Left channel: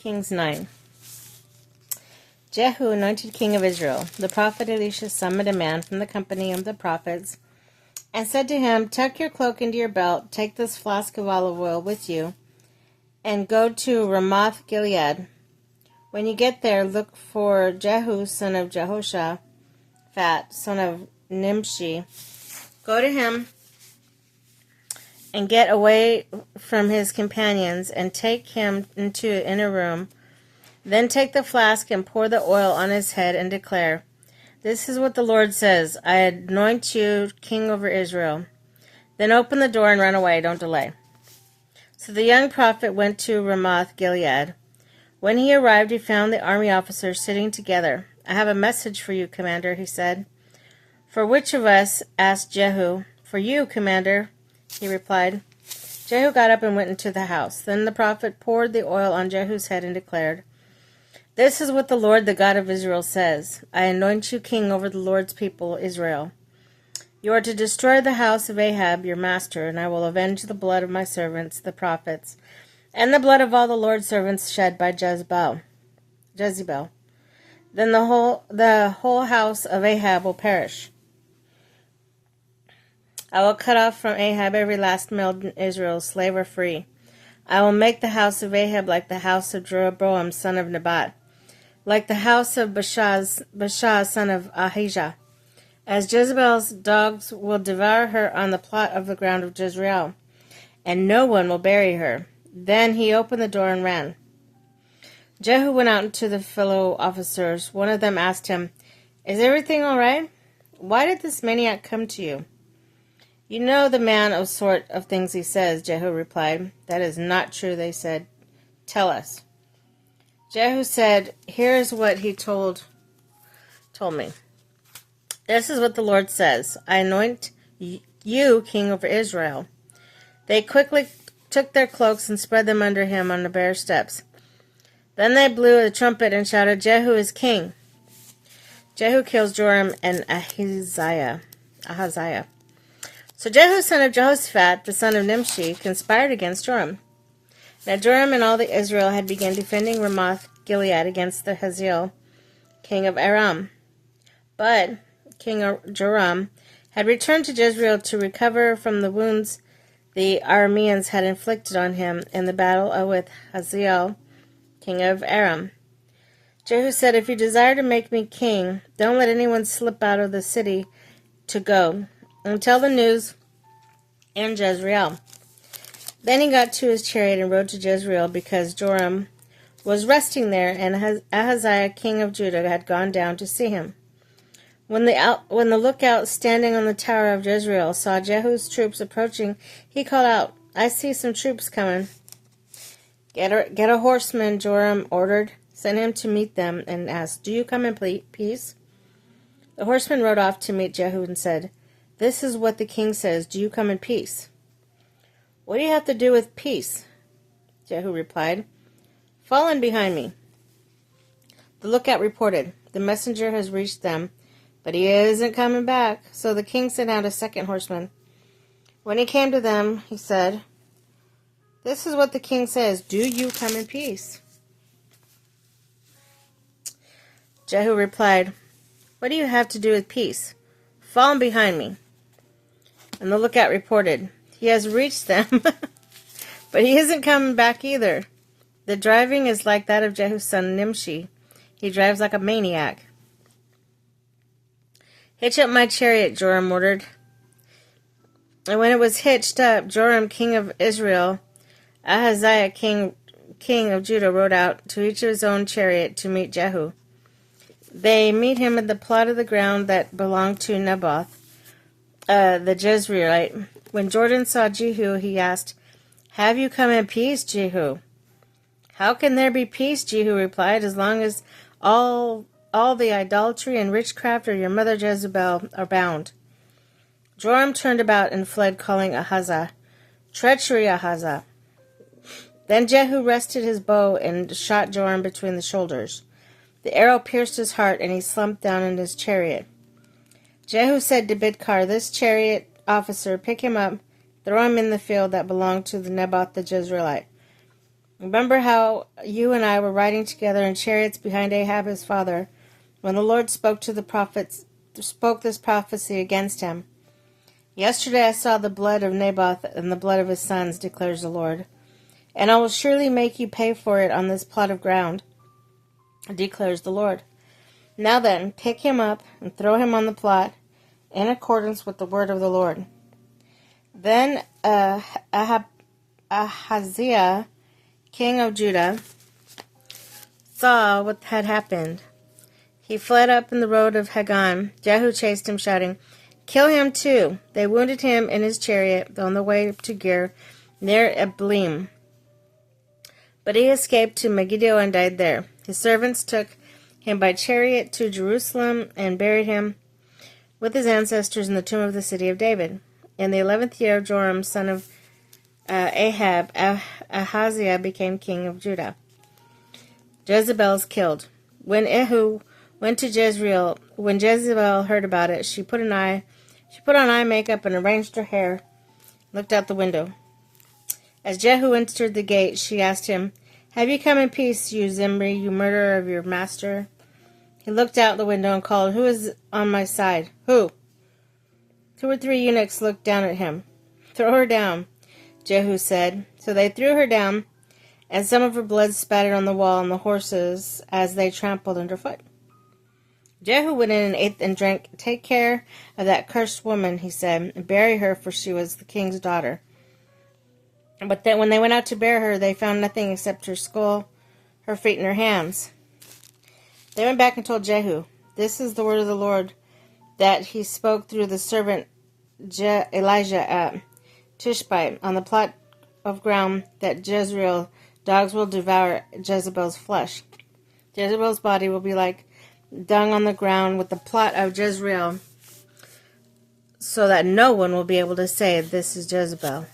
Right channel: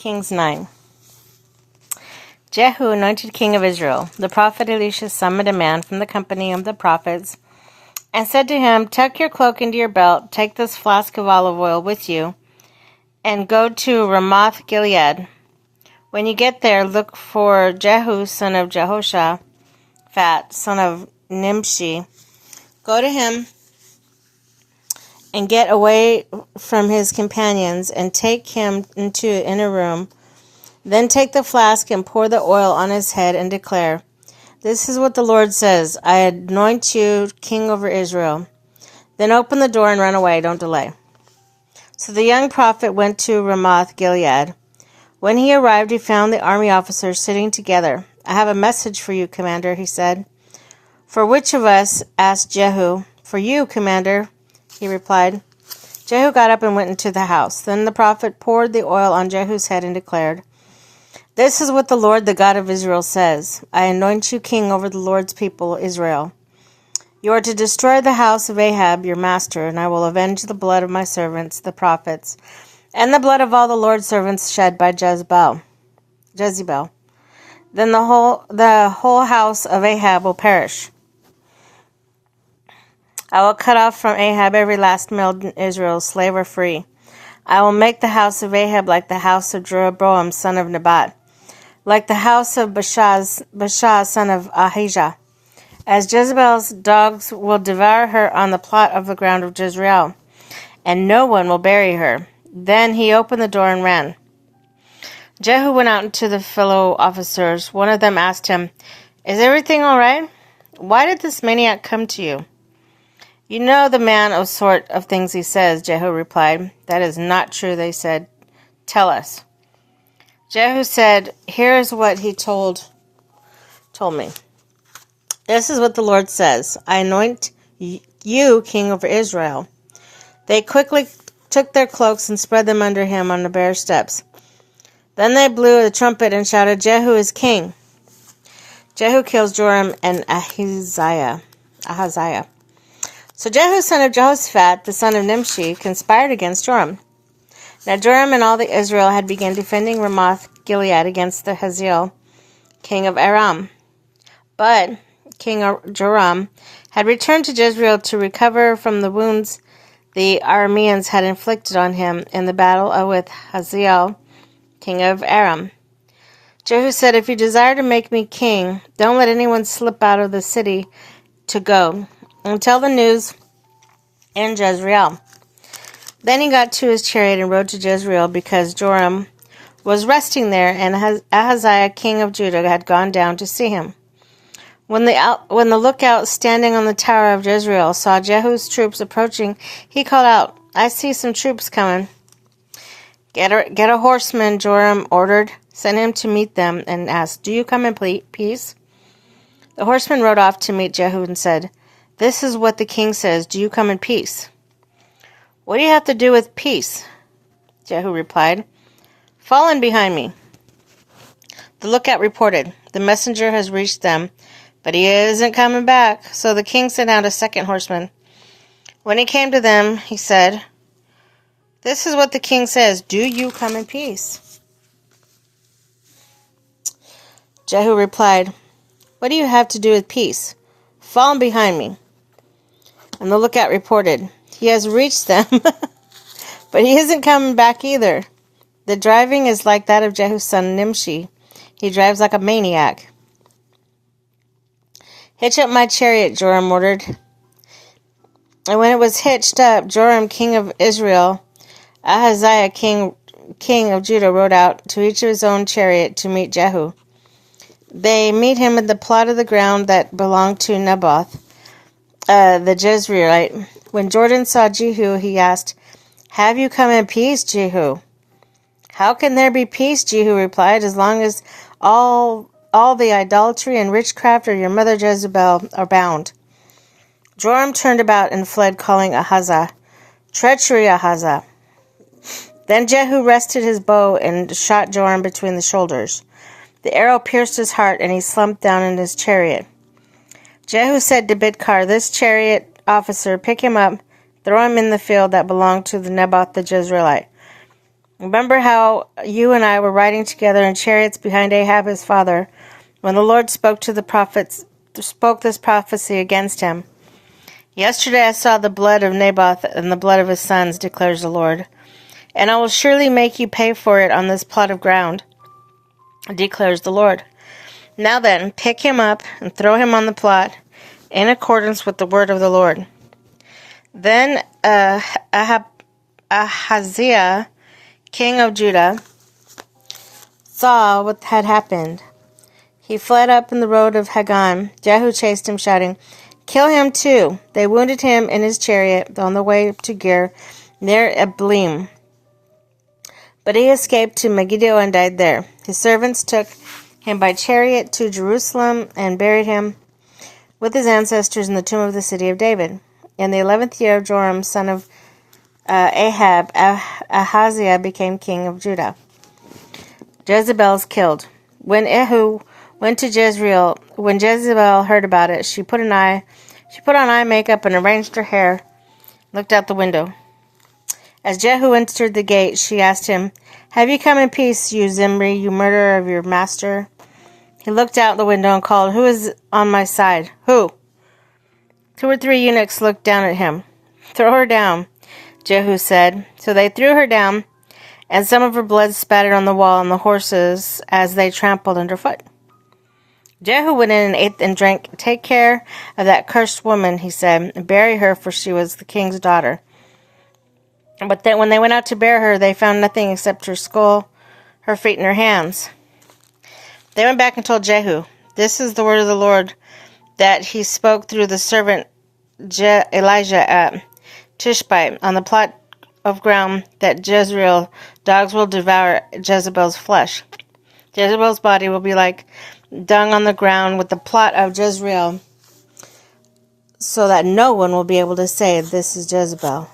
Kings 9. Jehu, anointed king of Israel. The prophet Elisha summoned a man from the company of the prophets and said to him, "Tuck your cloak into your belt, take this flask of olive oil with you, and go to Ramoth Gilead. When you get there, look for Jehu, son of Jehoshaphat, son of Nimshi. Go to him and get away from his companions and take him into an inner room. Then take the flask and pour the oil on his head and declare, 'This is what the Lord says, I anoint you king over Israel.' Then open the door and run away, don't delay." So the young prophet went to Ramoth Gilead. When he arrived, he found the army officers sitting together. "I have a message for you, commander," he said. "For which of us?" asked Jehu. "For you, commander," he replied. Jehu got up and went into the house. Then the prophet poured the oil on Jehu's head and declared, "This is what the Lord, the God of Israel, says. I anoint you king over the Lord's people, Israel. You are to destroy the house of Ahab, your master, and I will avenge the blood of my servants, the prophets, and the blood of all the Lord's servants shed by Jezebel. Then the whole house of Ahab will perish. I will cut off from Ahab every last male in Israel, slave or free. I will make the house of Ahab like the house of Jeroboam, son of Nebat, like the house of Baasha, son of Ahijah. As Jezebel's dogs will devour her on the plot of the ground of Jezreel, and no one will bury her." Then he opened the door and ran. Jehu went out to the fellow officers. One of them asked him, "Is everything all right? Why did this maniac come to you?" "You know the man of sort of things he says," Jehu replied. "That is not true," they said. "Tell us." Jehu said, "Here is what he told me. This is what the Lord says. I anoint you king over Israel." They quickly took their cloaks and spread them under him on the bare steps. Then they blew a trumpet and shouted, "Jehu is king." Jehu kills Joram and Ahaziah. So Jehu, son of Jehoshaphat, the son of Nimshi, conspired against Joram. Now Joram and all the Israel had begun defending Ramoth Gilead against the Hazael, king of Aram. But King Joram had returned to Jezreel to recover from the wounds the Arameans had inflicted on him in the battle with Hazael, king of Aram. Jehu said, "If you desire to make me king, don't let anyone slip out of the city to go, and tell the news in Jezreel." Then he got to his chariot and rode to Jezreel, because Joram was resting there, and Ahaziah, king of Judah, had gone down to see him. When the lookout standing on the tower of Jezreel saw Jehu's troops approaching, he called out, "I see some troops coming." Get a horseman," Joram ordered. "Send him to meet them," and asked, "Do you come in peace?" The horseman rode off to meet Jehu and said, "This is what the king says. Do you come in peace?" "What do you have to do with peace?" Jehu replied. "Fall in behind me." The lookout reported, "The messenger has reached them, but he isn't coming back." So the king sent out a second horseman. When he came to them, he said, "This is what the king says. Do you come in peace?" Jehu replied, "What do you have to do with peace? Fall in behind me." And the lookout reported, "He has reached them, but he isn't coming back either. The driving is like that of Jehu's son Nimshi. He drives like a maniac." "Hitch up my chariot," Joram ordered. And when it was hitched up, Joram, king of Israel, Ahaziah, king of Judah, rode out to each of his own chariot to meet Jehu. They meet him at the plot of the ground that belonged to Naboth, the Jezreelite. When Jordan saw Jehu, he asked, "Have you come in peace, Jehu?" "How can there be peace?" Jehu replied, "as long as all the idolatry and witchcraft of your mother Jezebel are bound." Joram turned about and fled, calling Ahaziah, "Treachery, Ahaziah." Then Jehu rested his bow and shot Joram between the shoulders. The arrow pierced his heart, and he slumped down in his chariot. Jehu said to Bidkar, "This chariot officer, pick him up, throw him in the field that belonged to the Naboth the Jezreelite." Remember how you and I were riding together in chariots behind Ahab his father, when the Lord spoke this prophecy against him. Yesterday I saw the blood of Naboth and the blood of his sons, declares the Lord, and I will surely make you pay for it on this plot of ground, declares the Lord. Now then, pick him up and throw him on the plot, in accordance with the word of the Lord. Then Ahaziah, king of Judah, saw what had happened. He fled up in the road of Hagan. Jehu chased him, shouting, "Kill him too!" They wounded him in his chariot on the way to Ger, near Eblim. But he escaped to Megiddo and died there. His servants took him by chariot to Jerusalem and buried him with his ancestors in the tomb of the city of David. In the 11th year of Joram, son of Ahab, Ahaziah became king of Judah. Jezebel's killed. When Ehud went to Jezreel, when Jezebel heard about it, she put on eye makeup and arranged her hair, looked out the window. As Jehu entered the gate, she asked him, "Have you come in peace, you Zimri, you murderer of your master?" He looked out the window and called, "Who is on my side?" "Who?" 2 or 3 eunuchs looked down at him. "Throw her down," Jehu said. So they threw her down, and some of her blood spattered on the wall and the horses as they trampled underfoot. Jehu went in and ate and drank. "Take care of that cursed woman," he said, "and bury her, for she was the king's daughter." But then when they went out to bury her, they found nothing except her skull, her feet, and her hands. They went back and told Jehu, "This is the word of the Lord that he spoke through the servant Elijah at Tishbe on the plot of ground that Jezreel dogs will devour Jezebel's flesh. Jezebel's body will be like dung on the ground with the plot of Jezreel, so that no one will be able to say, 'This is Jezebel.'"